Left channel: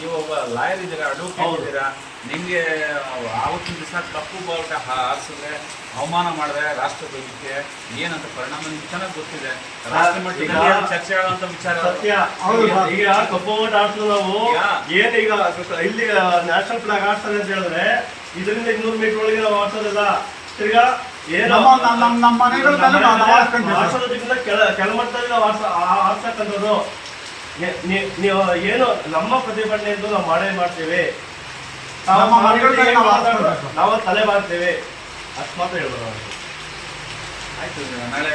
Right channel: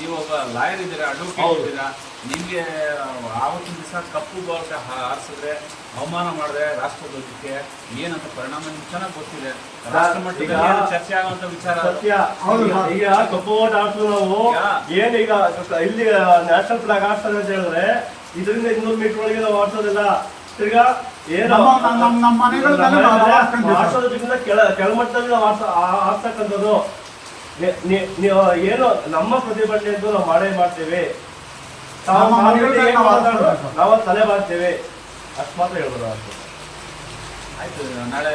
ನೀವು ಒಬ್ಬ ಲಾಯರ್ ಇದ್ದೀರಾ ಅಡ್ವೊಕೇಟ್. ಇದ್ದೀರಾ ನಿಮ್ಗೆ ಆವತ್ತಿನ ದಿವಸ ಕಪ್ಪು ಬಾವುಟ ಹಾರಿಸಿದ್ರೆ ಅವಮಾನ ಮಾಡಿದ್ರೆ ರಾಷ್ಟ್ರಧ್ವಜಕ್ಕೆ ಏನಂತ ಪರಿಣಾಮ ನಿಮ್ಗೆ ಚೆನ್ನಾಗಿ ಗೊತ್ತಿದೆ. ರಾಷ್ಟ್ರ ಮಟ್ಟದಲ್ಲಿ ಏನು ಚರ್ಚೆ ಆಗುವಂತ ವಿಚಾರ? ಸತ್ಯ. ಹೌದು ಈಗ- ಕಪ್ಪು ಓಟ್ ಆಡ್ತು ನಾವು ಈಗ- ಏನ್ ಇಲ್ಲಿ ನ್ಯಾಷನಲ್ ಫ್ಲಾಗ್ ಆಡ್ತಾರೆ ಅಂತ ಹೇಳಿದ್ರೆ ಇದರಿಂದ ಇನ್ನೂರು ಮೀಟರ್ ಒಳಗೆ ನಾವು ಆಡ್ಸೋದಿಲ್ಲ ತಿರ್ಗಾ ಕೆಳಮಟ್ಟದಲ್ಲಿ ನಾವು ಆಡ್ಸ ನೀವು ಏನು ನಮ್ಮ ಪ್ರತಿಭಟನೆ ಇದ್ದು ನಾವು ಮಾಡೇ ಮಾಡ್ತೀವಿ. ನಾವು ತಲೆ ಮಾಡ್ತೇವೆ ಅಷ್ಟು ಮಾತ್ರ ಹೇಳ್ಬೋದು ಅಷ್ಟು ಆಯ್ತು ನಾಳೆ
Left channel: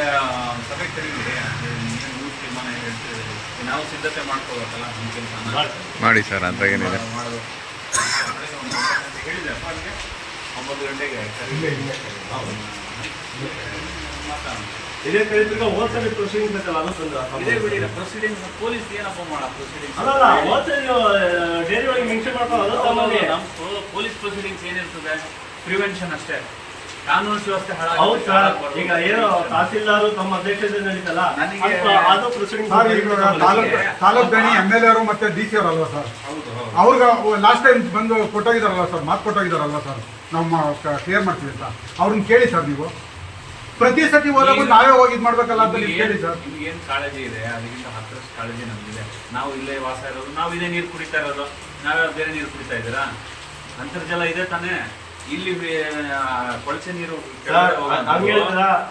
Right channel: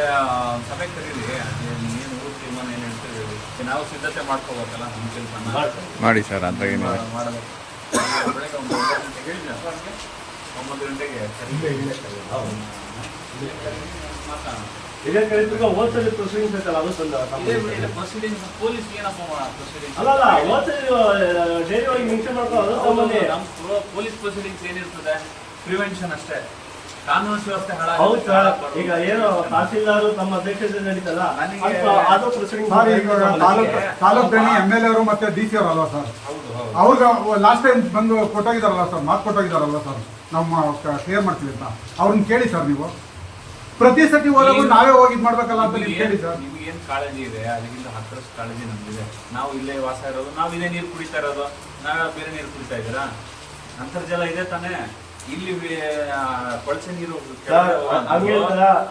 ಸಭೆ ಕರೀರಿ ಏನು ಊರ್ ತೀರ್ಮಾನ ಏನು ಹೇಳ್ತೀರಿ ನಾವು ಸಿದ್ಧತೆ ಮಾಡ್ಕೋಬೇಕಲ್ಲ ನಮ್ಮ ಕೆಲಸ. ಮಾಡಿ ಸರ್ ಅಂತ ಏನಿದೆ? ಮಾಡೋದು ಬೆಳಗ್ಗೆ ಒಂದು ಒಂಬತ್ತು ಗಂಟೆಗೆ ಹೇಳಿದೆ ಅಪ್ಪ ಒಂಬತ್ತು ಗಂಟೆಗೆ ಇಲ್ಲ, ಇಲ್ಲ. ಹೌದು. ಮಾತಾಡೋಣ ಇದೇ ಕರೀತಿರ್ಗ ಹೋದ್ಸರಿ ಪ್ರೊಸೀಡಿಂಗ್ಸ್ ಐತಲ್ಲ ಅದು ತಂದ ಇದೇ ಬಿಡಿ ಪ್ರೊಸೀಡಿಂಗ್ ಪೊಲೀಸ್ ಏನಪ್ಪ ಮಾಡ ಪ್ರೊಸೀಡಿಂಗ್ ಅಲ್ಲ ಹೋದ್ಸರಿ ಡೈರಿ ಒಳಗೆ ಮೆನ್ಷನ್ ತಮ್ಮಲ್ಲಿ ನಮ್ಮ ಪೊಲೀಸ್ ಪ್ರೊಸೀಡಿಂಗ್ಸ್ ಏನಿರ್ತದೆ ಪ್ರಿವೆನ್ಷನ್ ಅಷ್ಟೇ. ಕಾನೂನು ಸುವ್ಯವಸ್ಥೆ ಹೌದು ಸರ್. ಈಗ ಏನು ತಹಸೀಲ್ದಾರು ತಮ್ಮ ಅಧ್ಯಕ್ಷತೆಯಲ್ಲಿ ನಡೀತಲ್ಲ ಅದು- ಪ್ರೊಸೀಡಿಂಗ್ ತಾಲೂಕ್ ದಣಿ ಎಂ ಎಲ್ ಅವರು ಮತ್ತೆ ಡಿ ಸಿ ಅವರಲ್ವಾ ಸರ್? ಅವ್ರಿಗೆ ಲಾಸ್ಟ್ ಟೈಮ್ ಬಂದು ಕೊಟ್ಟೋಗಿದಾರಲ್ಲ ಸರ್ ಮಾತು ಕೊಟ್ಟೋಗಿದಾರಲ್ಲ ಸರ್ ನಮ್ಮ ಕ್ಲಿಯರ್ ಮಾಡ್ತೀವಿ ಅಂತ. ಅವ್ರನ್ನ ಕೇಳಿ ಸರ್ ನೀವು. ಪ್ರತಿ ಸತಿ ಹೋದಾಗ ನಾವೇ ಹೋಗಿ ಇದು ಮಾಡ್ಬೇಕಲ್ಲ ಅಂತ ನೀವು ನಿಮ್ಗೆ ಕೇಳಿ ಸರ್. ನಿಮ್ಗೇನು ಏನ್ ಕಾಳಜಿ ಇದೆ? ಅದಕ್ಕಿಂತ ಹತ್ತರಷ್ಟು ಕಾಳಜಿ ನಮಗಿದೆ. ನಾವು ಇಲ್ಲೇ ವಾಸ ಇರೋದು ನಾವು ಇದೇ ನೀರು ಕುಡಿತಾ ಇರೋದು ನಾವೇ ಬೇರೆ ನೀರು ಕುಡಿತಾ ಇದ್ದೀರಾ? ಅಂತರ್ಜಲ ಇದೆ ತಾನೇ. ಇಲ್ಲಿ ಆ, ಕೊಳಚೆ ನೀರು?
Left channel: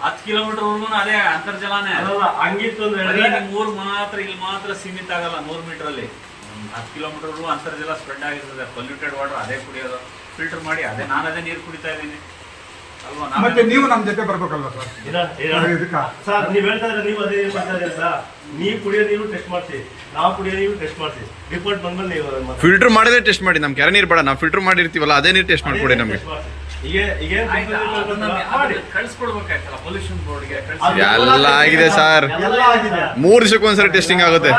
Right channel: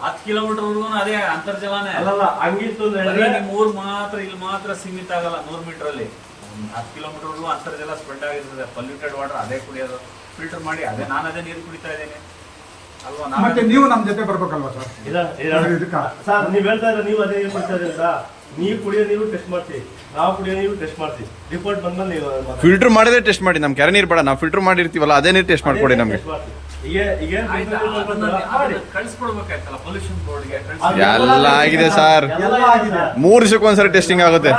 ಹತ್ತು ಕಿಲೋಮೀಟರ್ ವರ್ಗು ಅದೇ ಅಂತರ್ಜಲಾನೇ. ಅಲ್ಲಲ್ಲ ಹಂಗಿತ್ತು ಅಂತ ಬರೀ ನಿಮ್ ಊರ್ ಮಾತ್ರ ಇಲ್ಲಿ ಮಾತ್ರ ಸೀಮಿತ ಆಗಲ್ಲ ನೂರು ಮೀಟರ್ ಅಲ್ಲಿ. ಒಂದ್ ಹತ್ತು ಕಿಲೋಮೀಟರ್ ಅಂತರ್ಜಲ ಸ್ಪ್ರೆಡ್ ಆಗಿರ್ತದೆ. ಪೊಲ್ಯೂಟೆಡ್ ವಾಟರ್ ಅದೇ ಕುಡಿಯೋದು. ಫಿಲ್ಟರ್ ಮಾಡಿ ಅದೇ ನಾನು ಅದೇ ನೀರು ಕುಡಿತಾ ಇದ್ದೀನಿ. ಮತ್ತೆ ನೀವು ನಮ್ಮ ಜೊತೆ ಬರ್ಬೇಕಲ್ಲ ಸರ್. ಸರ್, ಇದಕ್ಕ? ಸರ್ ನೀವ್ ಹೇಳ್ತಾ ಇದ್ರೆ ನೀವು ಅದೇ ಏನ್ ಮಾಡ್ತಾ ಇದ್ದೀರಾ ನೀವು ಕುಡಿಯೋ ನೀರು ಟೆಸ್ಟ್ ಮಾಡ್ತೀವಿ ನಾವು ಕುಡಿಯೋ ನೀರು ಟೆಸ್ಟ್ ಮಾಡ್ತೀವಿ ರಿಪೋರ್ಟ್ ಬಂದ್ಮೇಲೆ ನೀವು ಮಾತಾಡಿ. ಫಿಲ್ಟರ್ ಮಾಡಿದ್ರೆ ಟೆಸ್ಟ್ ಮಾಡಿ ನಮ್ ಕೆರೆ ನೀರು ಬೇಡ. ನಾವು ಫಿಲ್ಟರ್ ಮಾಡಿರ್ತೀವಲ್ಲ ಅದೇ ನೀರು ಟೆಸ್ಟ್ ಮಾಡ್ಕೊಡಿ ನಮಗೆ. ಈಗ ಮಾಡಿ. ಕಳ್ಸ್ಕೊಡ್ಬೇಕಾಯ್ತಲ್ಲ ಪೊಲ್ಯೂಷನ್ ಬೋರ್ಡ್ಗೆ ಎಲ್ಲ ಆಗಿದೆ ಸರ್. ಎಲ್ಲ ಆಗಿದೆ ಮೂರು ದಿವಸಕ್ಕೆ ಒಂದ್ಸರಿ ಟೆಸ್ಟಿಂಗ್ ಆಗುತ್ತೆ.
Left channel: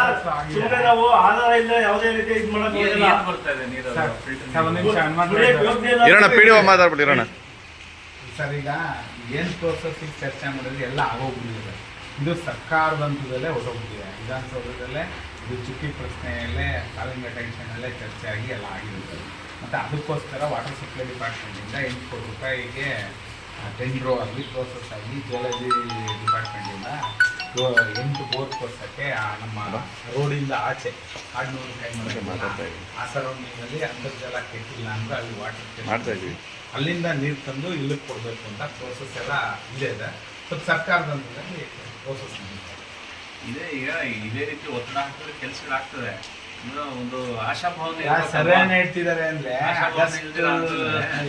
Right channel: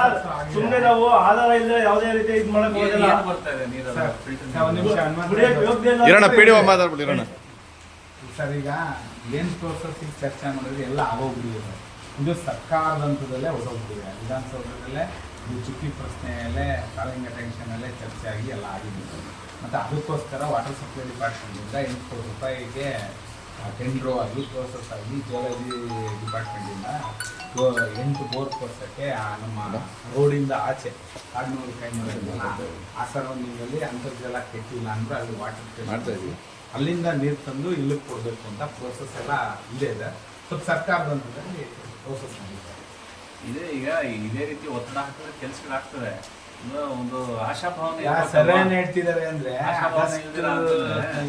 ಸುಮ್ಮನೆ ನಾವು ಆಧಾರ ಇಲ್ಲ ಯಾವುದೇ ರೀತಿ ಇದು ಮಾಡಕ್ ಏನ್ ಹೋಗಲ್ಲ. ಬರ್ತಾ ಇದೆ ನೀರು ಸರ್, ಫಿಲ್ಟರ್ ಸರ್, ಒಂದ್ ನಿಮಿಷ ಹನುಮಾನ್ ಕುಡಿಯಕ್ ಯೋಗ್ಯ ಇಲ್ಲ ಅಂತ ಇರೋಣ ಪಿ ಡಿ ಇರೋಣ. ಸರ್, ಈಗ ಏನು ಪ್ರೋಸೆಸ್ಸಿಗೆ ಚರ್ಚೆ ಮಾಡಿದ್ರೆ ಎಲ್ಲ ಆಗೋಗ್ಬಿಟ್ಟಿದೆ. ಇದು ಸರ್ಕಾರದ ಹಂತದಲ್ಲೇ ಹೊರಟೋಗ್ಬಿಟ್ಟಿದೆ ವಿಧಾನಸೌಧದಲ್ಲೇ ಇದು ಚಿಕ್ಕಿ ಪ್ರಶ್ನೆಯಲ್ಲೇ ಕಾಲಿಂಗ ಟೆನ್ಷನಲ್ಲೇ ಚರ್ಚೆ ಆಗಿ ಎಲ್ಲ ಸರ್ ಮತ್ತು ಅದಕ್ಕೋಸ್ಕರ ವಾಟರ್ ಸಪ್ಲೈ ಡಿಪಾರ್ಟ್ಮೆಂಟಿಂದ ಎಂಟು ಕೋಟಿ ರೂಪಾಯಿಗೆ ಟೆಂಡ್ರೋ ಆಗಲಿ ಪ್ರೋಸೆಸ್ ಆಗಿ ಜಿಯಾಲಜಿ ಡಿಪಾರ್ಟ್ಮೆಂಟಿಂದ ಎಂಟು ಬೋರ್ ಕೊಡ್ಸೋಕ್ಕೆ ನಮ್ಮ ರೋಡಿಂದ ಆಚೆ ಕಾಡ್ನೂರು ಕೈ ಮಾತಾಡ್ತಾ ಇದ್ದೀವಿ. ಆ ಸರೌಂಡಿಂಗಲ್ಲಿ ಅಂತರ್ಜಲ ಕೆಟ್ಟಿಲ್ಲ ಅಂದ್ರೆ ಅಲ್ಲಿ ವಾಟರ್ ಮಾಡ್ತಾ ಇದ್ವಿ ಅಲ್ಲಿಂದ ನೀರು ತಂದು ಇಲ್ಲಿಗೆ ಕೊಡಬೇಕು ಅಂತ ಪ್ರೋಸೆಸ್ ಎಲ್ಲ ಇದೆ ಇದೆ. ಸ್ವಲ್ಪ ಸರ್ಕಾರದ ಪ್ರೋಸೆಸ್ ಇದೆ. ಇದೇ ಈಗ ಇದೇ ರೀತಿ ಒತ್ತಡ ಹಾಕಿದ್ರೆ ಕೆಲಸಗಳಾಗ್ತದೆ ಒಂದು ಸರ್ ಏನ್ ಹೇಳ್ತಿದ್ದಾರೆ ಅಂದ್ರೆ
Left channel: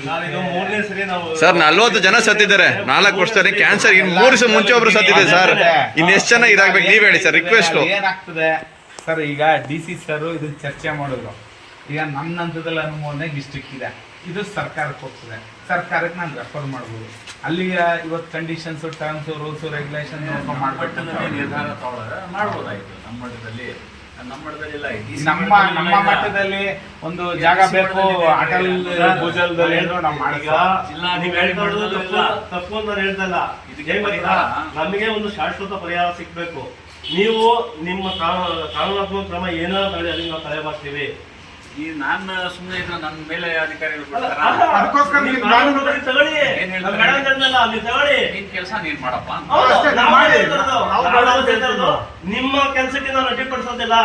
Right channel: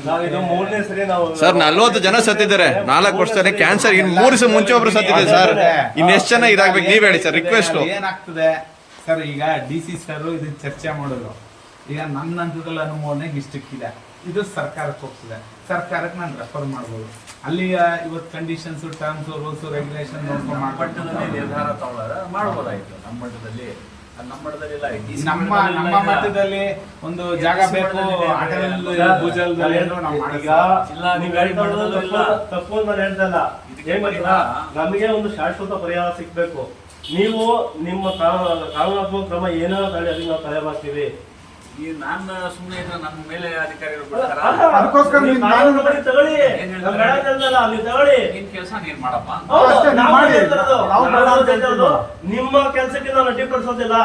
ನಾವಿದು ಮೂರನೇ ಸರಿ ನಾವು ಸರ್ ನಲ್ವತ್ತು ಜನ ಸತ್ತಿದ್ದಾರೆ. ನಾಲ್ಕು ವರ್ಷದಲ್ಲಿ ಕ್ಯಾನ್ಸರ್. ಇನ್ ಮೂರು ದಿವಸ ಮುಂಚೆ ಒಬ್ರು ಸತ್ತಿದೆ ಸರ್. ಇನ್ ಎಷ್ಟು ಜನ ಇದಾಗ್ಬೇಕು ನೀವ್ ಹೇಳಿ ಸರ್ ರಿಕ್ವೆಸ್ಟ್ ಏನಾಗ್ತದೆ ಸರ್ ಈಗ ಡಿ ಸಿ ಸರ್ ಇದನ್ನ ಚರ್ಚೆ ಮಾಡಿದ್ರು ಈಗ ನನ್ನ ಹಂತದಲ್ಲಿ ಅನುಮೋದನೆಗೆ ಇದೆ. ಇದು ಸರ್ಕಾರಕ್ಕೆ ಹೋಗ್ತದೆ. ಸರ್ಕಾರಕ್ಕೆ ನಾನು ರೆಫರ್ ಮಾಡ್ಬೋದು. ಅಲ್ಲಿ ಇವತ್ತು ಕಂಡೀಷನ್ಸ್ ಟರ್ಮ್ಸ್ ರೂಲ್ಸ್ ರೆಗ್ಯುಲೇಷನ್ ನೋಡ್ಕೊಂಡು ನಿರ್ಧಾರ ತಗೊಳ್ಳೋದು ಮಾಡ್ಬೋದಾಗಿತ್ತು. ನಮ್ಮ ಮಟ್ಟದಲ್ಲಿ ನಮ್ಮ ಮಟ್ಟದಲ್ಲಿ ಇಲ್ಲ ನಮ್ಮ ಮಟ್ಟದಲ್ಲಿ ನಮ್ಮ ಇಲ್ಲ. ಒಂದು ಜಾಗ ಬೇಕು ಅಟಲ್ ಭೂಜಲದಲ್ಲಿ ಅಂದ್ರೆ ನಾವು ಈಗ ನೀವು ಹೇಳ್ತಾ ಇರೋದು ತಪ್ಪು ತಪ್ಪು ಅಂತ ನಾನು ಹೇಳ್ತಾ ಇಲ್ಲ. ಏನ್ ಗೊತ್ತಾ? ನಮಗೆ ಒಂದು ಶಾಶ್ವತ ಪರಿಹಾರ ಸಿಗ್ಬೇಕು. ನೀವು ನಿಮ್ಮ ಕಾನೂ- ಕಾನೂನಾತ್ಮಕ ಕ್ರಮ ಏನೋ ತಳಿ ಅದಕ್ಕೆ ನಾವು ತಲೆ ಬಾಗ್ತೀವಿ ಈ ನಾನು ಸುಮ್ಮನೆ ಇದ್ರೆ ನನ್ನ ಮೇಲೆ ಅಧಿಕಾರಿಗಳು ಬಿಡ್ತಾರ? ಅದಕ್ಕೋಸ್ಕರ ತಗೊಳ್ಳಿ. ಏನ್ ಹೇಳ್ತಾರೆ? ಅಲ್ಲಿ ತಗೊಳ್ಳಿ. ನಿನ್ ಕೆಲಸ ನೀನ್ ಮಾಡಪ್ಪ. ಹೌದು, ಅಷ್ಟೇ, ನೀವು ನಾವು ನಾವು ಅಂತ ನಿಮ್ಮ ಕೆಲಸಕ್ಕೆ ನಾನು ಅಡ್ಡಿಪಡಿಸೋದಿಲ್ಲ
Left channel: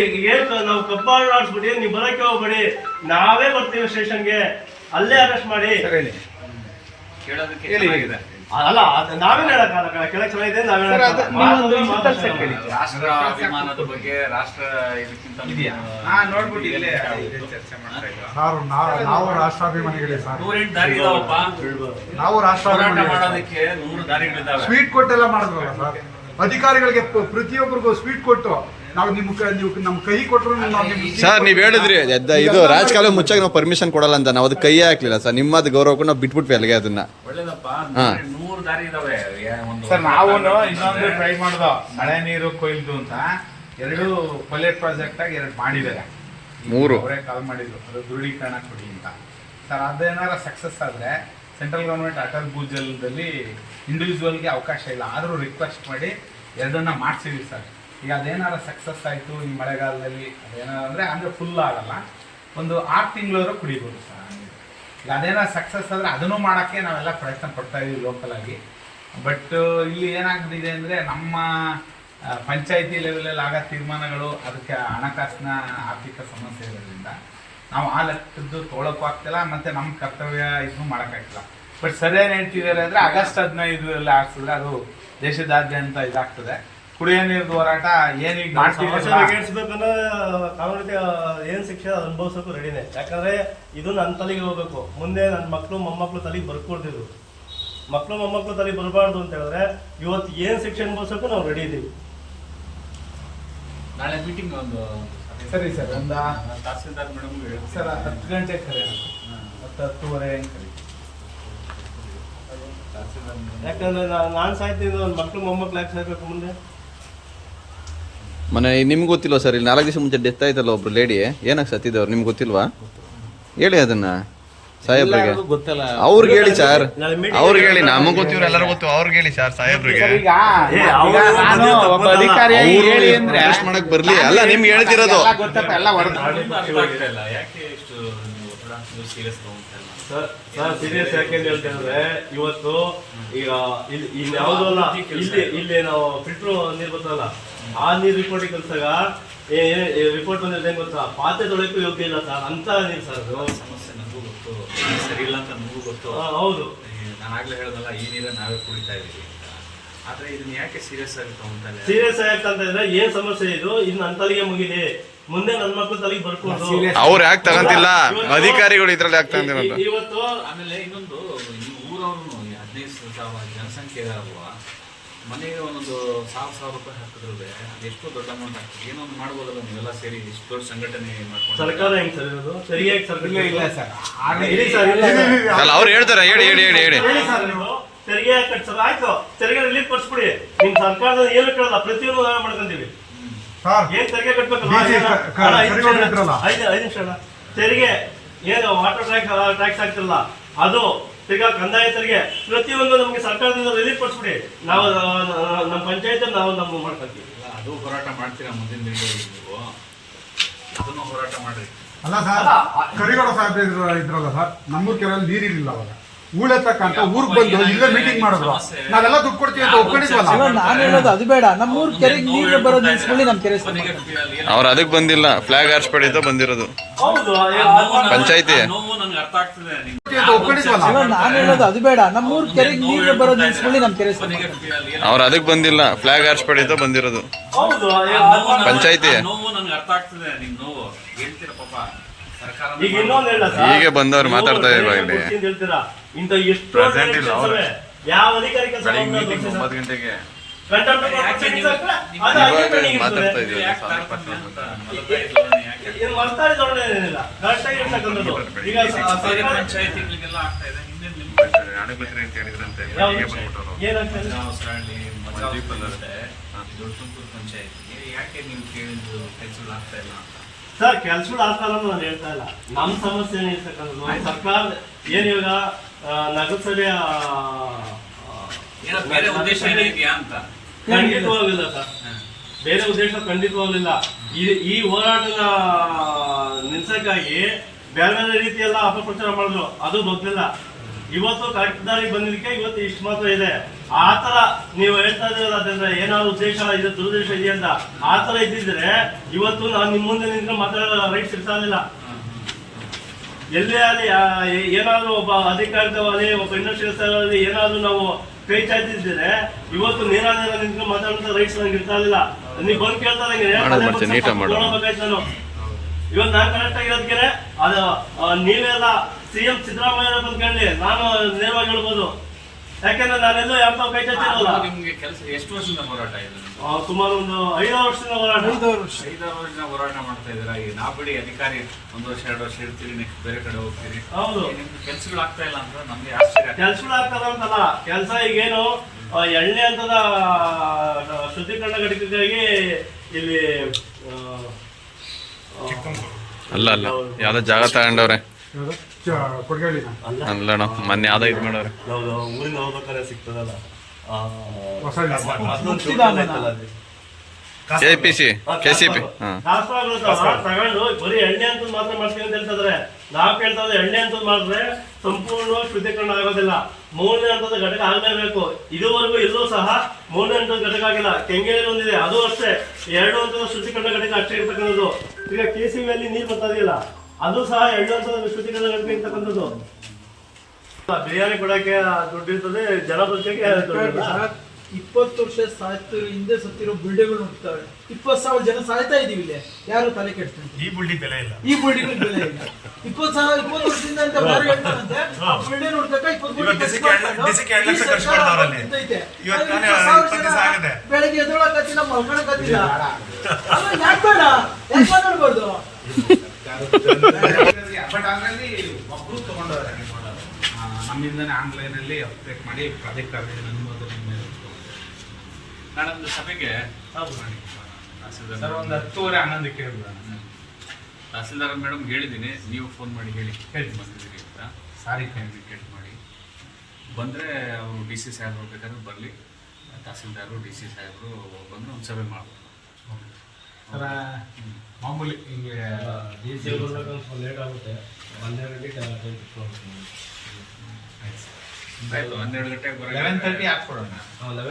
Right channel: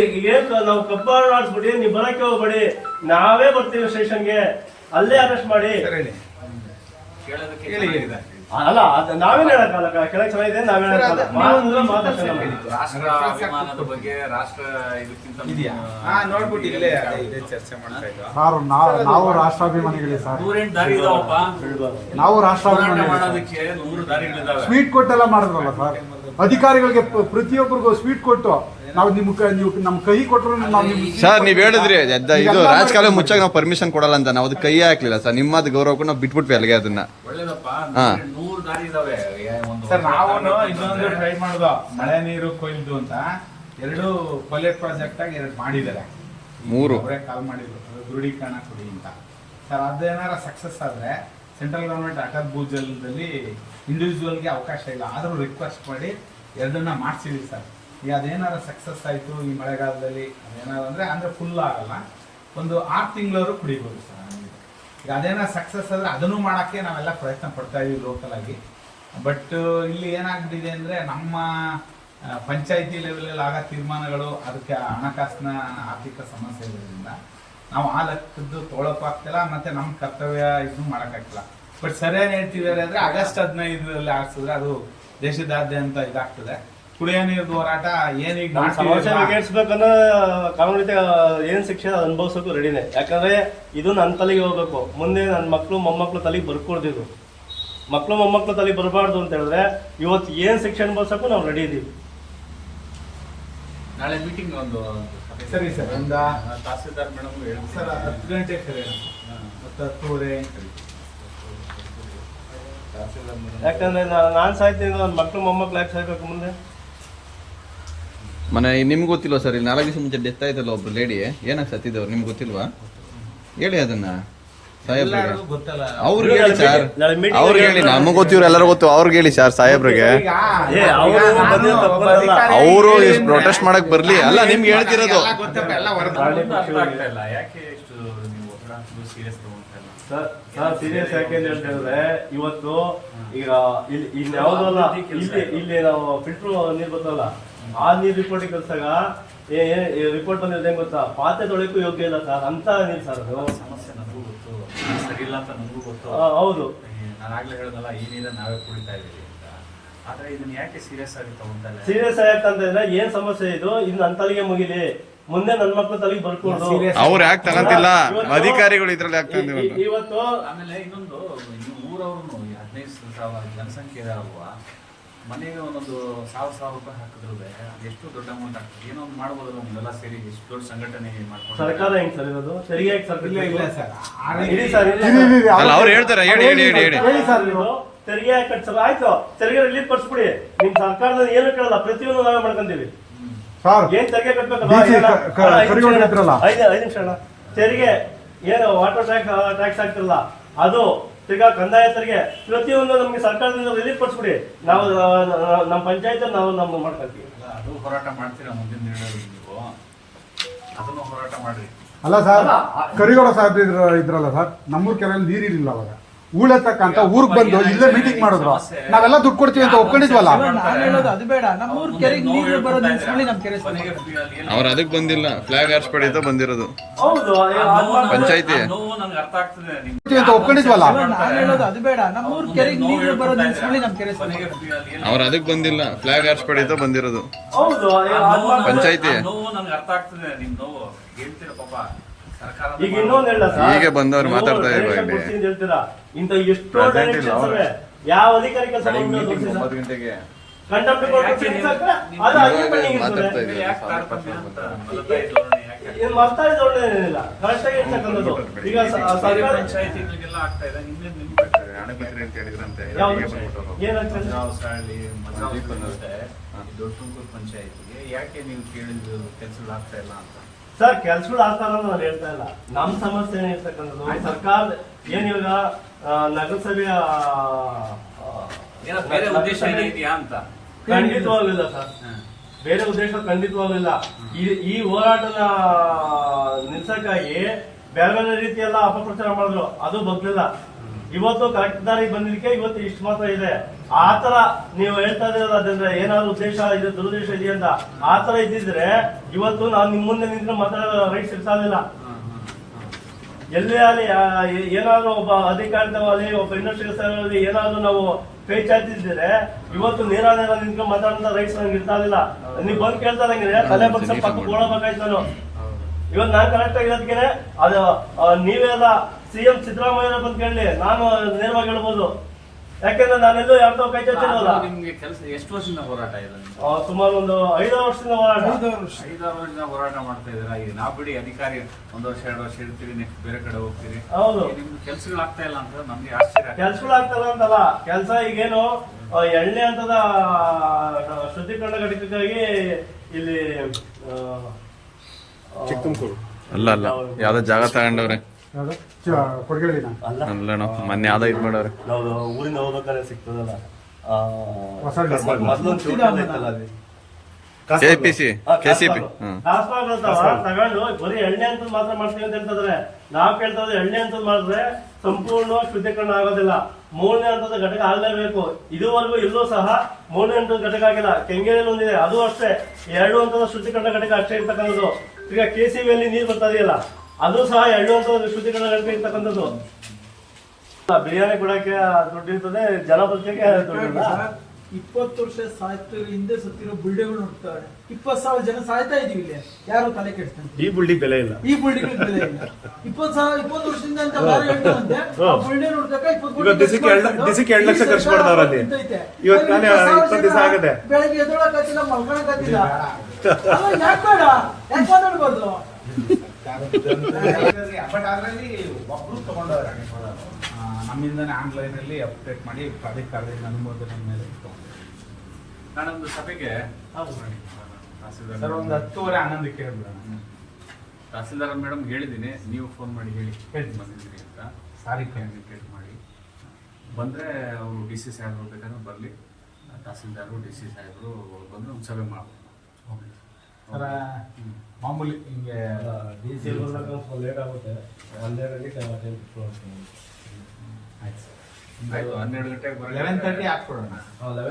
ಈಗ ಏನ್ ನಾವು ಕಬ್ಬಾಳ ಆಡ್ಸ್ಬಿಡಿ ನೀವು ಬರಕ್ಕೆ ಹೋಗ್ಬೇಡಿ. ನಾವೇ ಬರ್ತೀವಿ ಸ್ಟೇಷನ್ಗೆ. ಅಲ್ಲೇ ಅರೆಸ್ಟ್ ಮಾಡಿ. ಸರ್ ಕೇಳೋದಕ್ಕೆ. ಚೆನ್ನಾಗಿದೆ. ಅಲ್ಲ ಅದ್ ನಾವೇನ್ ಹೇಳಕ್ಕಾಗಲ್ಲ ಕೆಳಗೆ ಚೆನ್ನಾಗಿದೆ ನಾವೇ ಹೇಳಕ್ಕಾಗಲ್ಲ ರಾಷ್ಟ್ರ ಅಭಿಮಾನದ ಬಗ್ಗೆ ರಾಷ್ಟ್ರ ಇದಕ್ಕಿಂತ ಇದೆಯಾ? ಹಾ ನೋಡ್ಬಿಟ್ಟು ಇಲ್ಲೇ ಚರ್ಚೆ ಮಾಡ್ತಾ ಇದ್ವಾ. ಸರ್ ನಾವು ನಾವು ರಾಷ್ಟ್ರಾಭಿಮಾನಿಗಳೇ ಸರ್. ನೂರೆಂಟು ದಾರಿ ಇದಾವಪ್ಪ? ನಾವು ಹೋರಾಟ ರಾಷ್ಟ್ರಾಭಿಮಾನಿಗಳೇ ಮಾಡೋದಕ್ಕೆ ನೂರು ದಾರಿಗಳಿದ್ದಾವೆ. ಸ್ವೀಟ್ ಕೊಟ್ಟೆಲ್ಲ ಮಾಡಿದ್ರಲ್ಲ ಸರ್. ಅಧಿಕಾರಿಗಳಿಗೆ ಪ್ರ- ಪ್ರತಿಯೊಬ್ಬರಿಗೂ ಸ್ವೀಟ್ ಕೊಟ್ಟು ನಾವು ನಿಮ್ಮ ನೀವು ನಮ್ಮ ಕೈ ಕೊಟ್ಟರು ನಾವು ನಿಮ್ಗೆ ಸರ್ ನೀವ್ ಹೇಳಿದ್ರಿ ಅದ ಇದು ರಾಜಕಾಲ ಮುಚ್ಚಾಗ ನಾವು ಪರ್ಮಿಷನ್ ಕೊಡಲ್ಲ ಅಂತ ನಾವು ಅದಕ್ಕೆ ಕೈ ಹಾಕ್ಲಿಲ್ಲ ಸರ್. ನಿಮ್ಮದು ಗೌರವಕ್ಕೂ ನಾವು ಬಿಟ್ಬಿಟ್ವಿ ಅಲ್ಲಿಗೆ ಅದನ್ನ. ಹಾ. ನೂರು ದಾರಿ ಇದಾವೆ. ಸರ್ ನಾವು ಇನ್ನೊಂದು ಟ್ರೈ ಮಾಡ್ದೋ. ಮಳೆ ನೀರು ಕೊಯ್ದು ಅಂತ ಎರಡು ಪೈಲೆಟ್ ಪ್ರಾಜೆಕ್ಟ್ ಆಗಿ ಎರಡು ಮಾಡಿದ್ದಾರೆ. ಮೂರು. ಅವರೇ ಕಾಲ್ ಮಾಡಿದ್ರು. ಅದು ದೃಢೀಕರಣ ಕೊಡಿ ಅಂತ. ಸರ್ ಅದೇನಾರ ಸಕ್ಸಸ್ ಆದ್ರೆ ಸೆಂಟ್ರಲ್ ಗೌರ್ಮೆಂಟ್ ಅಟಲ್ ಭೂಜಲದಲ್ಲಿ ಇಂಡಿವಿಜುವಲ್ಗೆ ಅವಕಾಶ ಇಲ್ಲ. ಆದರೂ ರಿಕ್ವೆಸ್ಟ್ ಮಾಡಿ ಎರಡನ್ನ ಮಾಡಿಸಿದ್ವಿ ಸರ್. ಈಗ ಅದೇನಾರ ಸಕ್ಸಸ್ ಆಯಿತು ಈ ಮಳೆಗಾಲದಲ್ಲಿ? ಅದೇನಾರ ಅಂದರೆ ಅಂದರೆ ಫುಲ್ ಆಗಲ್ಲ. ಒಂದು ಆರು ತಿಂಗಳವರು ಕುಡಿಬೋದು ಸರ್. ಈಗ ಅದೇನಾರ ಸಕ್ಸಸ್ ಆದರೆ ಅದನ್ನು ಮಾಡೋಕ್ಕೆ ನಾವೆಲ್ಲ ಪ್ರಯತ್ನ ಪಡ್ತಾ ಇದೀವಿ ಲೋಕಲ್ ಆಗಿ. ಬಟ್ ಇಲ್ಲಿ ಏನಾಗ್ಬಿಟ್ಟಿದೆ ಅಂದರೆ ನಮ್ಮ ಪಂಚಾಯಿತಿ ಲೆವೆಲಲ್ಲಿ ಆಗೋ ತೀರ್ಮಾನಗಳು ಅದಕ್ಕೆ ಹಣಕಾಸಿನ ಆರ್ಥಿಕ ಸಮಸ್ಯೆ ಇರೋದ್ರಿಂದ ನಾವು ಆ ಲೆಕ್ಕದ್ದು ತೊಗೊಳಕ್ಕೂ ಆಗ್ತಿಲ್ಲ ಮತ್ತು ನಮ್ಮ ಕರ್ತವ್ಯ ಇದನ್ನು ಮಾಡೋಕ್ಕಾಗ್ತಿಲ್ಲ ಬಟ್ ಸರಿಯಾಗಿ ಹೇಳ್ತಿದ್ದಾರೆ ಅಂದರೆ ಆಗಸ್ಟ್ ಹದಿನೈದರಲ್ಲಿ ಹಾಕ್ಸಿದ್ರೆ ಅದು ದೇಶದಾದ್ಯಂತ ಇದಾಗ್ತದೆ. ಕುಡಿಯೋ ನೀರ್ದು ಹೋರಾಟ ಏನೀಗ ಮಾಡ್ತೀವಿ ಬಗೆಹರಿಸ್ಬೇಕಂದ್ರೆ ಏನು ಏನ್ ಶಿಕ್ಷೆ ಅನುಭವಿಸೋಕು ರೆಡಿನೇ ಯಾಕಂದ್ರೆ ಇದು ನನ್ನ ತಲೆಗೆ ಹೋಗ್ಬೇಕು. ಮುಂದೆ ನನ್ನ ಮಕ್ಕಳು ಮೊಮ್ಮಕ್ಳು ತಲೆಗೆ ಬರ್ಕೊಡ್ದಿದ್ರು. ಮಕ್ಕಳು ಮೊಮ್ಮಕ್ಳು ತಲೆಗೆ ಬರಬಾರ್ದು ಅಂತ ಹೇಳಿದ್ರೆ ಇವತ್ತು ಏನ್ ಶಿಕ್ಷೆ ಅನುಭವಿಸೋಕು ನಾವು ರೆಡಿ ಇದೀವಿ. ನಾಳೆ ಮೀಟಿಂಗ್ ಒಂದು ಸರಿ ಸರ್, ಒಂದು- ತಹಸೀಲ್ದಾರ್ ಮೇಡಮ್ ಸರ್ ಹತ್ತು ಗಂಟೆ ಕರೆ ಹತ್ತು ಹತ್ತುವರೆ ಮೇಡಮ್ ಯಾಕಂದ್ರೆ ನಾನು ನಾನ್ ಸಾಯ್ತೀನಿ ನನ್ನ ಮಕ್ಕಳು ಮೊಮ್ಮಕ್ಳು ಯಾಕೆ ಸಾಯ್ಬೇಕು ಮುಂದೆ? ಮನೆ ನಿಮ್ಗೆ ಗೊತ್ತಿಲ್ವಾ ಸರ್ ಇಲ್ಲಿ ನಾಲ್ಕು ದಿವಸ ಮುಂಚೆ ಡೆತ್ ಆಯ್ತಲ್ಲ ಒಬ್ರು ಲೇಡಿ ಏನಕ್ಕೆ ಸತ್ತಿದ್ದವ್ರು ನಿಮ್ಗೆ ಗೊತ್ತಿಲ್ವಾ? ಹೇಳಿ ಅದನ್ನ ಸಾಹೇಬ್ರಿಗೆ. ಅವ್ರಿಗೆ ಹೇಳಿ ಸರ್ ಅವ್ರಿಗೆ ಹೇಳಿ ನಮಗೆ ಗೊತ್ತಿವ್ರು ಎಲ್ಲರೂ ಗೊತ್ತು ಅವ್ರಿಗೆ ಹೇಳಿ ಸರ್ ಸಾಹೇಬ್ರಿಗೆ. ಏ, ಅವ್ರು ಪ್ರೊಟೆಸ್ಟ್ ಮಾಡಕ್ ಬರ್ಲಿ. ಅಲ್ಲ ನಿಮ್ಗೆ ಹೇಳ್ತಿರೋದು. ಸರ್ ಸೀರಿಯಸ್ ಇವತ್ತು ಈಗ ಇಲ್ಲಿ ಇಲ್ಲಿ ಯಾವ್ದು ಇಲ್ಲಿ ಇಲ್ಲಿ ನಾವು ಫಿಲ್ಟರ್ ನೀರು ಗೊತ್ತಲ್ಲ? ಆ ನೀರು ರಿಪೋರ್ಟಿಗೆ ಕಲ್ಸಾಗ ರಿಪೋರ್ಟ್ ಬಂದಿದೆ ಏನ್ ಗೊತ್ತಾ? ಪಾತ್ರೆ ತೊಳೆಕ್ಕೂ ಯೋಗ್ಯ ಇಲ್ಲ ಸರ್ ಅಂತ ನೀರು ಸರ್ ಅದು. ಸಮಸ್ಯೆ ನನಗೂ ಗೊತ್ತು. ಸರಿ ಇಲ್ಲ ಅಂತ ನನಗೂ ಗೊತ್ತು. ಆ, ಹೌದು. ನಾನು ಆಗ್ಲೇ ಹೇಳ್ದಲ್ಲ ಈ ನೀರನ್ನ ನಾವೇ ಕುಡಿತಾ ಇದೀವಿ ಅಂತ. ಆದ್ರೆ ಇದನ್ನ ಯಾಕೆ ಸೀರಿಯಸ್ ಆಗಿ ತಗೊಂತಲ್ಲ ಸೀರಿಯಸ್ ಯಾಕಂತಂದ್ರೆ ಏನ್ ಸಮಸ್ಯೆ ಇದು? ಇದು ನನ್ನ ತಲೆಗೆ ಮುಗಿದೆ. ಮುಂದೆ ನನ್ನ ಮಕ್ಳ ತಲೆಗೆ ಬರ್ಕೊಂಡು. ಅವ್ರು ಯಾಕೆ ತಗಂತಿಲ್ಲ? ಅಧಿಕಾರಿಗಳು ಇದ್ರಲ್ಲಿ ಯಾಕೆ ತಗಂತಿಲ್ಲ ಇ- ಇವತ್ತು ಆಮೇಲೆ ಇನ್ನೊಂದು ಊರವ್ರು ಹದಿನೈದು ಸಾವಿರ ಜನಸಂಖ್ಯೆ ಇದಾರಲ್ವಾ? ಮನೆಗೆ ಒಂದೊಂದು ಸಾವಿರ ಸಾವಿರ ರೂಪಾಯಿ ಹಾಕಿದ್ರೆ ಎಷ್ಟು ದೊಡ್ಡ ಅಮೌಂಟ್ ಆಗ್ತದೆ. ಏನೋ ಒಂದು ಮಾಡ್ಬೋದಲ್ಲ ನೀವೆಲ್ಲ ಸೇರಿ ಎಷ್ಟು ದೊಡ್ಡ ಸಂಘಟನೆ ಮಾಡ್ಕೊಂಡು ಸರ್ಕಾರ ಹೆಂಗ್ ಸರ್ ಇರೋದು? ಸರಿಯಾಗಿ ಸರ್ಕಾರ ಇಲ್ಲ ಇಲ್ಲ ಸರ್. ಸರ್ ಇಲ್ಲ ಅಲ್ಲ ಅವ್ರು ಹೇಳ್ತಾರೆ ಹೇಳಿ ಹೇಳಿ ಹೇಳಿ ಹೇಳಿ. ಹೇಳಿ ಸರ್ ನೀವು. ತೆರಿಗೆ ಕಟ್ಸಲ್ಲ ಕಟ್ಸೋದು ಆಯ್ತು. ತೆರಿಗೆ ರಿಲೀಫ್ ಪಡಿಸ್ಬಿಡಿ ನಿಮ್ ಸರ್ಕಾರದಿಂದ ಏನು ಕೇಳಲ್ಲ ಪ್ರತಿಯೊಂದು ನಾವೇ ಮಾಡ್ಕೊಂತೀವಿ. ಸರ್ ಏನ್ ತೆರಿಗೆ ಕಟ್ಬೇಕಲ್ಲ ಐದು ನಿಮಿಷ. ತೆರಿಗೆ ಏನು ವಾಟರ್ ಟ್ಯಾಕ್ಸ್ ಟ್ಯಾಕ್ಸ್ ಆಗ್ತಿರಲ್ಲ ಅದು ಈಗ ಕಂದಾಯ ತೆರಿಗೆ ಪ್ರತಿಯೊಂದು ನಮಗೆ ಸರ್ಕಾರದಿಂದ ರಿಲೀಫ್ ಪಡಿಸ್ಬಿಡಿ ನಾವು ನಮ್ಮ ಪಂಚಾಯತ್ ನಾವು ನಮ್ಮ ಮಾಡ್ಕೊಳ್ತೀವಿ. ಅಲ್ಲ, ಅದು ಹೋರಾಟ ಮಾಡ್ತೀರಾ ಮುಂದಿನ ದಿನಗಳಲ್ಲಿ ನೀವು? ಅದನ್ನು ಹೋರಾಟ ಮಾಡ್ರಿ. ಅಲ್ಲ ಸರ್ ಕರಿಗಳ ಕರಿಗೌಡ ಸಾಹೇಬ್ ಇದ್ರಲ್ಲ ಸರ್. ನಮ್ಮೂರ್ ಕೆಲವೊಂದು ನೀರಿಲ್ಲ ಅವಾಗ. ಊಳೆತ್ತಕ್ಕಂತ ಊರ್ಗ್ ಬಂದು ಇಲ್ಲೇ ಮೀಟಿಂಗ್ ಮಾಡಿದ್ರು. ನಾವೆಲ್ಲ ದುಡ್ಡು ಕೊಡ್ತೀವಿ ಅಂತ ಒಪ್ಕೊಂಡಿದ್ವಲ್ಲ? ನಾನು ಹೇಳೋದು ಅದು ಬೇಡ. ನಮ್ಮ ಊರ್ ಕೆರೆಗೆ ನೀರು ಬರೋದು ನಿಲ್ಸ್ಕೊಳ್ಳಿ ನಮ್ಮ ಕೆರೆ ಕೊನೆಗೆ ಅವ್ರು ಅದಕ್ಕೆ ಬಂದಿಲ್ಲ. ಫ್ಲಾಗ್ ಹಾರಿಸ್ಬೇಡಿ ಅಂತ ಬಂದಿರೋದು. ಪಂಚಾಯತಿ. ಅವ್ರ ಅಂತ ಒಪ್ಕೊಂಡಿದ್ವಲ್ಲ. ನಾನು ಹೇಳೋದು ಅದು ಬೇಡ. ನಮ್ಮ ಊರ್ ಕೆರೆಗೆ ನೀರು ಬರೋದು ನಿಲ್ಸ್ಕೊಳ್ಳಿ ನಮ್ಮ ಕೆರೆ ಕೊನೆಗೆ feel ಅಲ್ಲಿ ಏನು- ಅವ್ರು ಅದಕ್ಕೆ ಬಂದಿಲ್ಲ. ಫ್ಲಾಗ್ ಹಾರಿಸ್ಬೇಡಿ ಅಂತ ಬಂದಿರೋದು. ಪಂಚಾಯತಿ. ನೋವು ನನಗೆ- ಅರ್ಥ ಆಗ್ತದೆ ನಿಮ್ ನೋವು. ಹೇಳ್ತೀರ ಪಾಪ? ಸರ್ಕಾರ ಈಗ ಇನ್ನೊಂದು ಹೇಳ ಹೀಗೆ ಬಂದವ್ರು ಮಾತಾಡ್ತಾ ಇಲ್ವಾ ಇಲ್ಲಿ? ಹೇಳ್ತೀರಾ? ಇಂಥ ಎಷ್ಟೋ Present ಇಲ್ಲ ಅವ್ರೆ. ಯಾವ ಅಧಿಕಾರಿ ಕೆಲಸ ಬೆಳಿಗ್ಗೆ ಮೀಟಿಂಗ್ ಒಂಬತ್ತು ಗಂಟೆಗೆ. ಇವಾಗ ಮಾತಾಡ್ತಾ ಅಂತ ಏನ್ ಏನಿಲ್ಲ. ಇರ್ತಕ್ಕಂಥದ್ದು ಈಗ ಪಂಚಾಯತಿಗಳಿಗೆಲ್ಲ ಆಗ್ತಾ ಇದೆ. ನಿನ್ನೆ ನಿಮ್? ಏನಾಗ್ತದೆ ನಾವು ಸಾಳಿ ದೊಡ್ಡ ತುಮಕೂರು ಪಂಚಾಯತಿಗೆ ಯಾಕೆ ನೀವು ಕೇಳಿದ್ದು ಕೆಲಸಗಳು ಆಗ್ತಾ ಇಲ್ಲ ಅಂತ? ಸರ್ ಕೆಲ್ಸಗಳು ಆಗ್ತಾ ಇಲ್ಲ ನಾನು ಹೇಳ್ತಾ ಇಲ್ಲ. ನಮ್ಮ ಸಮಸ್ಯೆ ಏನಿರ್ತಕ್ಕಂಥದ್ದು? ಸರ್ಕಾರ ಏನ್ ಇವಾಗ ಆ, ನಗರಸಭೆಯ ಏನೋ ಬೇರೆ ಉದ್ದೇಶ ಅಂತ? ಖಂಡಿತವಾಗಿಲ್ಲ ಸರ್. ಬೇರೆ ಉದ್ದೇಶ ಖಂಡಿತವಾಗಿಲ್ಲ ಈ ಈ ಹೋರಾಟದ ನಿಲ್ಸಕ್ಕಾಗಿ ಬೇರೆ ಬೇರೆ ರೀತಿಯೆಲ್ಲ ಅಪಪ್ರಚಾರ ಮಾಡಿದ್ರು. ಅದು ಗೊತ್ತಿಲ್ಲ. ಇವತ್ತು ಕರೆಕ್ಟ್ ದಾರಿಗೆ ಬಂದಿದ್ದಕ್ಕೆ ಇವತ್ತು ಇಷ್ಟು ಮಾತ್ರ ಇದೆ. ಆ ತರ ನೀವು ಹೇಳ್ತಾ ಇದ್ರೆ ಅದಂದ್ರೆ ಏನಾದ್ರು ಉದ್ದೇಶ ಇದೆ ದುರುದ್ದೇಶ ಇದೆ ಅಂತ? ಆ ತರ ಇದ್ದಿದ್ರೆ ಇವತ್ತು ನಾನು ನಿಮ್ಮ ಮುಂದೆ ನಿಂತ್ರೆ ಮಾತಾಡೋ ರೈಟ್ ಇರಲಿಲ್ಲ ಎಲ್ಲೇ ಅಲ್ಲಿ ಏನಾದ್ರು ಒಬ್ಬ ಅಧಿಕಾರಿಗಳಲ್ಲಿ ಒಬ್ಬ ಇಂಡಸ್ಟ್ರಿಯಲ್ಸ್ ಅಲ್ಲಿ ಏನಾದ್ರು ನಾವು ಕೈ ಚಾಚಿದ್ರೆ ಇವತ್ತು ನೇರ ನೇರ ನಿಂತ್ಕೊಂಡು ಮಾತಾಡೋಂಥ ರೈಟ್ಸ್ ನಂಗೆ ಇರ್ತಾ ಇರಲಿಲ್ಲ. ನೀವು ಬಂದು ಕೇಳ್ತಾ ನಂಗೆ ಇವತ್ತು ನಾನು ಕರೆಕ್ಟ್ ಆಗಿರೋದಕ್ಕೆ ಅದು ನೀವೆಲ್ಲ ಸಿ ಎಂ ಸಿದ್ದರಾಮಯ್ಯ ಬಂದು ಕೇಳಲಿ ನಾನು ನೇರವಾಗಿ ಹೇಳ್ಬೋದು. ಯಾಕಂದ್ರೆ ನಾನೆಲ್ಲೂ ಯಾರ್ದೋ ಕೈ ನಿಮ್ಗೆ ಕೆಲಸ ಎಷ್ಟು ವರ್ಷದಿಂದ ಹೋರಾಟ ಇದೆ? ಸುಮಾರು ಒಂದು ಐದು ವರ್ಷದಿಂದ ಹೋರಾಟ. ಐದಾರು ವರ್ಷದಿಂದ ಹೋರಾಟ ಮಾಡ್ತಾ ಇದ್ದೀರಾ? ಈ ನಾವು ಬಿಡಿ ಅಧಿಕಾರಿ ಒಂದು ವರ್ಷ ಎರಡು ವರ್ಷ ಇರ್ತೀರಿ ನೆಕ್ಸ್ಟ್ ಬೇರೆ ಕಡೆ ಹೋಗ್ತೀರಿ. ಹೌದು. ನಿಮ್ಗೆ ಕೆಲ್ಸಗಳು ಆಗ್ತಾ ಇಲ್ಲ ಅಂತ ನಮ್ಗೆ ಆಶ್ಚರ್ಯ ಕೆಲಸಗಳು ಆಗ್ತದ ಅಂತಲ್ಲ. ಕೆಲಸ ಈಗೇನು ಎಣ್ಣೆ ಅಂತದ ಶುದ್ಧಿ ಶುದ್ಧೀಕರಣ ಘಟಕಕ್ಕಾಗಿ ಇಲ್ಲಿ ಅಲ್ಲ ಅಲ್ಲ. ಯಾವ್ದೋ ಜಾಗ ತಗೊಂಡವ್ರೆ. ಅಲ್ಲಣ್ಣ ಮೊನ್ನೆ ಯಾವ್ದೋ ಇದು ಮಾಡವ್ರೆ ಯಾವ್ದು ಊರಿನ ಹೋಗ್ಬೇಕಾದ್ರೆ ಸಿಗ್ತದಲ್ಲ. ಆ, ಹೊಸ ಜಾಗ. ಮೊದ್ಲೊಂದು ಚೌಟ್ರಿ ಐತಲ್ಲ ಅಲ್ಲಿ. K P C K C P ಹಾಂ. ದಾಸವಾಳ ತಗೊಂಡು ಬರೀ ಎಣ್ಣೆ ಅಂತ ಮಾತ್ರ ಮಾಡ್ತೀವಿ ಅಂತ ಹೇಳ್ತಿದ್ರೆ. ನಾವು ಕೇಳ್ತಾ ಇರೋದು ಎಣ್ಣೆ ಅಂತ ಮಾಡಿದ್ರೆ ಸಂಪೂರ್ಣವಾಗಿ ಶುದ್ಧೀಕರಣ ಆಗೋದಿಲ್ಲ. ಮೂರನೇ ಹಂತದ ಘಟಕ ಆಗಲೇಬೇಕು. ಇದುವರೆಗೂ ಎಲ್ಲೂ ಸಹ ಮೂರನೇ ಹಂತದ ಘಟಕ ಆಗಿಲ್ಲ. ಕೆಂಗೇರಿ ಒಂದಿದೆ ಅದು ಅಷ್ಟೇ. ಎರಡು ಹಂತದ ಶುದ್ಧೀಕರಣ ಘಟಕ ಅಷ್ಟೇ ಇರ್ತಕ್ಕಂಥದ್ದು. ಈಗ ಕೆ ಸಿ ಅಲ್ಲಿ ನೀರು ಬರ್ತಾ ಇದೆಯಲ್ಲ ಅದು ಸಹ ಹೇಳುವಂತ ಒಂದು ಶುದ್ಧೀಕರಣ ಘಟಕ ಇರ್ತಕ್ಕಂಥದ್ದು ಬಿರಿಯಾನಿ ಕೊಡಕ್ಕೆ ದುಡ್ಡು ಇರ್ತದೆ ಜನ ಬದುಕಕ್ಕೆ ದುಡ್ಡು ಇಲ್ಲ. ಇಪ್ಪತ್ತು ವರ್ಷ ಸಾಯ್ತಿರೋ ಹಿಂದೆ ಸತ್ತಿರೋ ಬಿಲ್ಡಿಂಗ್ಗಳು ಹುಟ್ಟುತ್ತವೆ ಇಪ್ಪತ್ತು ಸಾವಿರ ಜನ ಸಾಯ್ತಾ ಇದೀವಿ ಇಲ್ಲಿ. ಯಾರು ತಲೆ ಕೆಡ್ತಾರೆ ಈ ಬಿಲ್ಡಿಂಗ್ ಬೆಲೆ ಇಲ್ಲ. ಈ ಬಿಲ್ಡಿಂಗ್ ಬೆಲೆ ಇಲ್ಲ. ಇಪ್ಪತ್ತು ಸಾವಿರ ಇಪ್ಪತ್ತು ವರ್ಷದಿಂದ ಅಂತ ಬಾರಿ ಹೇಳ್ತಾರಂತೆ? ಆ ಬಿಲ್ಡಿಂಗ್ ಹುಡ್ಕಕ್ಕ ಇಪ್ಪತ್ತು. ಬೆಳಗ್ಗೆ ಎದ್ದೊಳಕತ್ತಿಲ್ಲ ಮಲ್ಕೊಳಕತ್ತಿಲ್ಲ ಅಲ್ಲ, ಯಾಕೆ ಬೇಡ? ಯಾಕೆ ಮಾತಾಡ್ಬಾರ್ದು? ಬಟ್ ಅದರಲ್ಲಿ ಒಬ್ರು ತಗೊಂಡವ್ರೆ ನಮ್ಮಿಂದನೇ ಆನ್ಲೈನ್ ಅಲ್ಲಿ ಅಪ್ಡೇಟ್ ಮಾಡಿ ಪ್ರಾಧಿಕಾರದಿಂದ ಅನುಮೋದನೆ ತಗೊಂಡ್ರು. ನಾನೊಂದು ಸಭೆಗೆ ಸರ್ ಒಂದು ಹತ್ತುವರೆ ಹನ್ನೊಂದಕ್ಕೆ ಕೇಳಿದ ತಹಸೀಲ್ದಾರ್ ಮೇಡಮ್ ಹೇಳಿದ್ದೀನಿ ನೀವು ಫೋನ್ ಮಾಡಿ ಹೇಳಿ ಹೇಳಿ. ಬಂದಿದ್ದೀರಿ ಅಂತ ಸಾರಿ ಕಮ್ಯುನಿಕೇಟ್ ಮಾಡಿ ಬಂದರೆ ಅವರು ಡಿ ಸಿ ಸಾಹೇಬ್ರು ಬೇಕಾದ್ರೆ ಬರಲಿ ತಹಸೀಲ್ದಾರು ಡಿ ಸಿ ಸಾಹೇಬರು ಬಂದು ಒಂದು ಸಭೆ ಮಾಡೋಣ ಸರ ಮಾಮೂಲಿ ಹಿಂಗೆ ಲೇಟ್ ಆಗುತ್ತೆ. ಒಂದೆರಡು ಆಯ್ತು ಹನ್ನೆರಡು ಗಂಟೆಗೆ ಲೆವೆನ್ ತರ್ಟಿ ಬರೋಣ ಹಾಕ್ಕೊಡೋಣ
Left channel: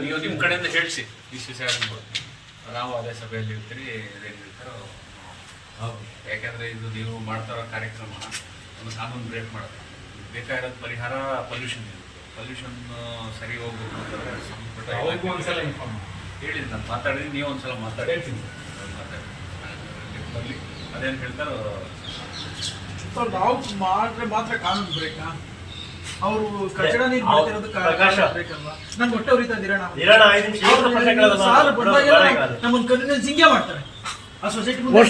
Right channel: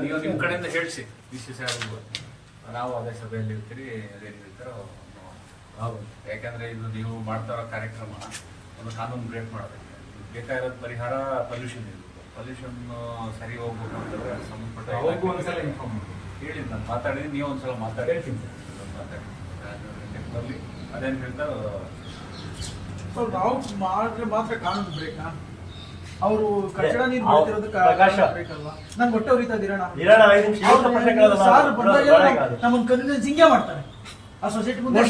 ನೀವು ನಿಮ್ಮ ಕಡೆಯಿಂದ ಹೇಳಿಸಿ ಡಿ ಸಿ ಸಾಹೇಬರು ನಾವು ಅದೇ ಸಭೆಯಲ್ಲಿ ಇರ್ತೀರಿ ಇದೇನು ಇರ್ತಾರೋ ಹೌದು. ಯಾಕೆಂದರೆ ಇದು ನೀವು ಮಾಡ್ತಾ ಇರೋ ಕಾರ್ಯಕ್ರಮ ಒಂದು ಕಾನೂನು ಬ್ರೇಕ್ ಮಾಡೋದು. ಬೇಕಾಗಿರೋದು ಪರಿಹಾರ ಪೊಲ್ಯೂಷನ್ ಇದೆ. ಪೊಲ್ಯೂಷನ್ ಸರಿ ಹೋಗ್ಬೇಕು ಅಂತಂದ್ರೆ ಸಂಬಂಧಪಟ್ಟ ಇನ್ಫಾರ್ಮ್ ಮಾಡಿ. ಹೇಳಿದ್ದು ನಾನು ಮಾತಾಡಿದ್ದೀನಿ ನೀವು ಒಂದ್ಸಲ ಮಾತಾಡಿ. ಹೇಳ್ತೀನಿ ಬರಲಿ ಅದೇನು ಹೇಳ್ತಾರೋ ಸರ್, ನಾವು ಮಾಡಿದ್ರೆ ಮಾತ್ರ ಕಾನೂನು ಬೇಕಾ ಅವರು ಕಚಡ ನೀರು ಬಿಡ್ತಿರೋದಕ್ಕೆ ಪ್ರಕಾಶ. ಬೇಕಲ್ವಾ ನನ್ ಹೊಟ್ಟೆ ಉರಿತಾ ಇದ್ದೀರಾ ನಾವು ಇರೋಣ ಐದು ನಿಮಿಷ ಇವತ್ತು ಪ್ರಶ್ನೆ ಕೇಳೋದು ನಾನು. ಸಾರ್ ಬಂದಾಗೆಲ್ಲ ಬೇಡ ಈಗ ಅದು. ನಮ್ಮನ್ನ ಕನ್ವಿನ್ಸ್ ಹಿಂಗೆ ಮಾಡ್ತಾರೆ. ಆ ಸೊಸೈಟಿ ಮುಂದೆ?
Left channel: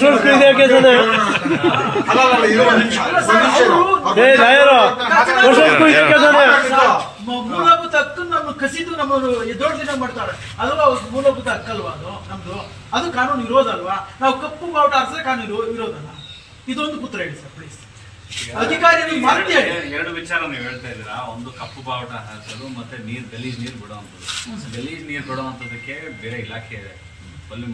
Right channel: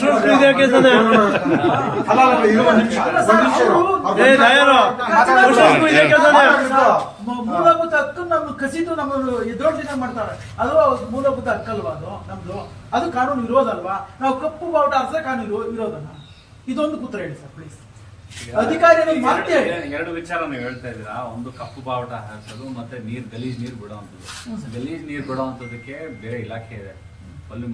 ಮೂಲಭೂತ ಕಸಿದು ನಮ್ಮ ದೊಡ್ಡ ದಿನ ಮಾಡ್ತಾಳೆ ಅದು ಅವ್ರ ಮೂಲಭೂತ ಹಕ್ಕಲ್ವಾ ಅದು ನಮ್ದು. ಅದು ಕಾನೂನು ವಿರೋಧ ಅಲ್ವಾ ನಾವು ಕಪ್ಪು ಬಾವುಟ ಅರ್ಸ ಕಾನೂನು ಇರೋದಲ್ಲ ಇದೊಂದು ಪುತ್ರ ಹೇಳಿ ಸರ್ ಪ್ಲೀಸ್ ಅಧಿಕಾರಿಗಳು ಮತ್ತೆ ಹೇಳಿ. ಎರಡು- ವಿಚಾರ ನೀವು ಹೇಳ್ತಾ ಇದ್ದೀರಾ? ಒಂದು ಕಪ್ಪು ಬಾವುಟ ಹಾರಿಸೋದು ಮತ್ತೆ ನೀರ್ ಗಲೀಜ್ ನೀರು ಬಿಡುವಂಥದ್ದು. ಗಲೀಜ್ ನೀರು ಬಿಡುವಂಥದ್ದಕ್ಕೆ ಬೇರೆ ಇಲಾಖೆ ಇದೆ ಅಲ್ಲಿ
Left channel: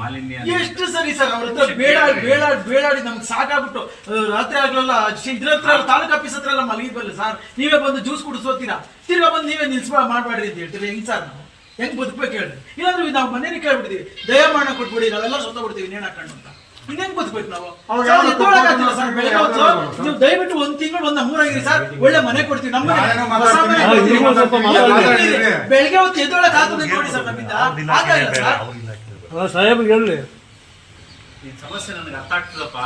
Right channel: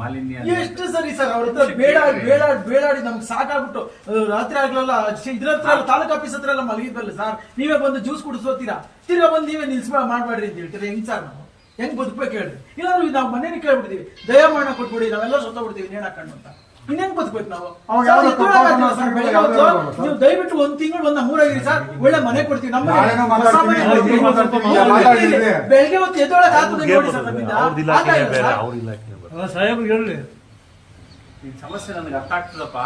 ಮಾಲಿನ್ಯ ಎಷ್ಟು ಸರಿ ಸರ್ ಅವ್ರ ಹತ್ರ ಬೇಡ ಬೇಡಾಡಿ ಬೇಡಾಡಿ ನಮ್ಗೆ ಸಾಕಾಗ್ಬಿಟ್ಟು ರಾತ್ರಿ ಆಗ್ಲಲ್ಲ ಇದ್ರ ಹತ್ರ ತಾಲೂಕು ಆಫೀಸ್ ಹತ್ರ ಎಲ್ಲ ಮಲಗಿದ್ವಲ್ಲ ಸರ್ ನೀವೇ ಬಂದು ಜ್ಯೂಸ್ ಕುಡಿಸೋತೀರಾ ತಿರ್ಗಾ ಬಂದು ನೀವೇ ನಿಲ್ಸ್ ಮಾಡ್ಬೇಡ್ರಿ ಅಂತ ಹೇಳ್ತೀರಿ. ಹೆಂಗ್ ಸರ್ ನಾವು? ಹೆಂಗ್ ಬದುಕ್ಬೇಕು ಹೇಳ್ರಿ? ಇಲ್ಲಾಂದ್ರೆ ನಾವು ಮನೇಲಿ ಕೇಳ್ಬಿಡ್ತೀವಿ. ದಯಮಾನ ಕೊಟ್ಬಿಡಿ ನಾವೆಲ್ಲ ಸೊತ್ತಬಿಡ್ತೀವಿ ನೇಣ್ ಹಾಕೊಂಡು ಅಂತ. ಇನ್ನೇನ್ ಬದುಕ್ಬೇಕು ನಾವು? ಸರ್, ಸರ್, ಬೆಳಗ್ಗೆ ಹೊತ್ತು ನೀವು ದಯವಿಟ್ಟು ಒಂದ್ ತಿಂಗಳು ಒಂದ್ ನಮ್ಮೂರಾಗಿರಿ ಸರ್. ಒಳ್ಳೆ ಮನೆ ಕೊಡ್ತೀವಿ ನಮ್ಮ ಮನೆ. ನಾನೇನೋ ಹೊಸ ಮನೆ ಮಾತಾಡ್ತೀನಿ, ಕೊಡ್ತೀವಿ. ನೀವು ಸ್ವಲ್ಪ ಮಾತಾಡ್ತೀನಿ. ಬೆಳಗ್ಗೆ ಹೊತ್ತು ಎದ್ದೊಳಕ್ ಆಗ್ತದೆ ನೋಡಿ ಸರ್ ನಮ್ಮಿಂದ. ಆಗ್ತಾ ಇಲ್ಲ ಸರ್. ಸಾಹೇಬ್ರಿಗೆ ಹೇಳಿ. ಈ ಸಮಸ್ಯೆ ನನಗೆ ಅರ್ಥ ಆಗ್ತದಪ್ಪ.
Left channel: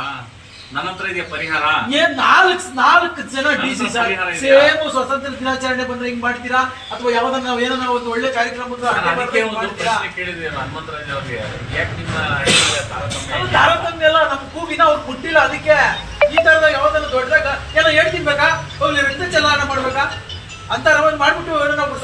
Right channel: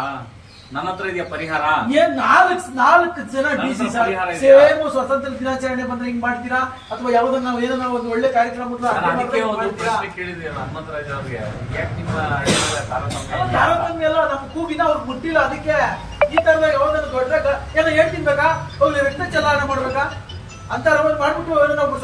ನನ್ನ ಹತ್ರ ಇದೆಯಾ ಪರಿಹಾರ? ಏನ್ ನಾಲ್ಕು ನಾಲ್ಕು ಜನ ಡಿ ಸಿ ಸರ್ ಪರಿಹಾರ ಇದೆಯಾ? ಸೇಮ್ ಸ್ವತಂತ್ರ ದಿನಾಚರಣೆ ಬಂದ್ರೆ ಹಿಂಗ್ ಮಾಡ್ತೀರಾ? ಅಥವಾ ಯಾವ್ದನ್ನ ನಾವು ಏನೋ ಒಂದು ಒಳ್ಳೆ ಕಾರ್ಯಕ್ರಮ ನಾನು ಅಡ್ಡೆ ಅದಕ್ಕೆ ಬರ್ದಂಗ್ ಒಂದು ಮಾಡ್ತೀರಾ? ಪ್ರಶ್ನೆ ಕೇಳಿದೆ ಹನುಮಂತರಾಜ್ ಅವ್ರಿಗೆ ಯಾಕೆ ನಿಮ್ಮ ಇದೆಲ್ಲ ತಾರತಮ್ಯ ಅಲ್ಲ, ಇಲ್ಲ? ತಾರತಮ್ಯ ಎಲ್ಲ ನಮ್ ಕೂಗಿನ ಅವ್ರು ಮುಟ್ಟಿಲ್ಲ ಅದಕ್ಕೆ. ಈ ತರದ ಯಾವ್ದನ್ನ ದೊಡ್ಡದಾಗ ಎಲ್ಲ ಹೇಳ್ತಿನ್ಬೇಕಾ ಹೋಗ್ಲಿ ರಕ್ತ ಚಲಾವಣೆ ಮಾಡ್ಬೇಕಾ? ಅಂತ ಮಾಡ್ಬಿಟ್ಟು ಏನೋ ನಾವು